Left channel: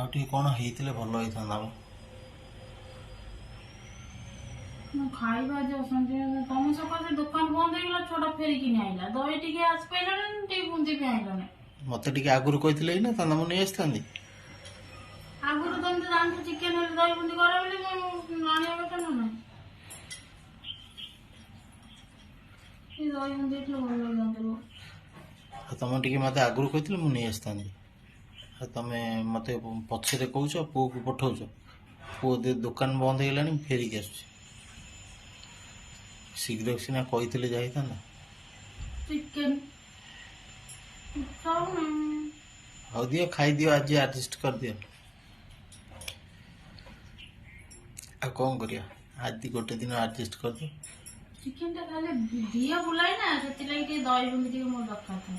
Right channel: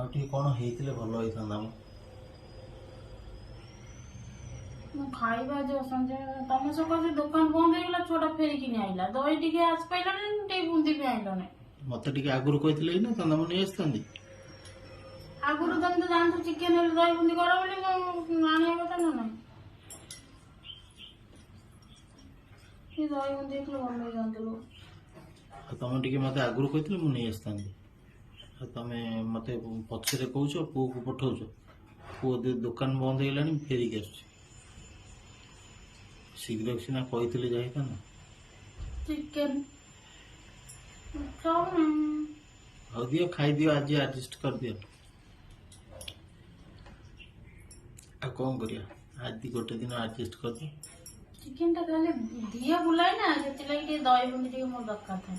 ଆଉ ଟିକେ କ'ଣ ହେଇଥିଲେ ଭଲ ହେଇଥାନ୍ତା ମ। ଖାଇବା ଯେ ସଞ୍ଜୟ ତମ ସକାଶେ ଦୋକାନ ବନ୍ଦ ହେଇଗଲା, ଛୁଆଟା ଫେରିକି ଆଇଲା, ଦହି ଟିକେ ଆସି ପାଇଲାନି, ଟିକେ ବୁନ୍ଦି ବି ଆଇଲନି। ମୋତେ ଟିକେ ଆଗରୁ କହିଥିଲେ ନା ତା ମୁଁ ନେଇ ଆସିଥାନ୍ତି। ଆଗରୁ ତମେ ତ ଜାଣିଛ ଚିକେନ ହେଲେ ଦହି ବୁନ୍ଦି କର ବୋଲି, ଆଣିବା କଥା ନା ନାହିଁ। ଦହି ବୁନ୍ଦି ହେଇଥିଲେ ଭଲ ହେଇଯାଆନ୍ତା। ଆଉ ତମେ ଟିକେ ମୋତେ ଆଗରୁ କହିଥିଲେ ମୁଁ ନେଇ ଆସିଥାନ୍ତି। ଆଉ ତମେ ମୋତେ ପଛରେ କହୁଛ, ପୁଅକୁ ପଠାଉଛ। ପୁଅ ଦୋକାନ ବନ୍ଦ ହେଇଗଲାଣି, ମୁଁ ଫେରିକି ଆସୁଛି। ଶୀଘ୍ର ସିନା କହିଥିଲେ ଯାଇଥାନ୍ତା। ଚିକେନ ହଉ ଦିଅ, ଖାଇଦିଅ, ଆଜି ଆଡ଼ଜଷ୍ଟ କରିଦିଅ। ଆଉ କ'ଣ କରିବା, ଆଜି ଗୋଟେ ଦିନ ଆଡ଼ଜଷ୍ଟ କରିଦିଅ। ଚିକେନଟା ଖାଲି ଦିଅ ବୁଲାଏ ନା, ସେଥିଲାଗି ଟିକେ ଦହି ବୁନ୍ଦି ଟିକେ ମୋର ଦରକାର ଥାଏ।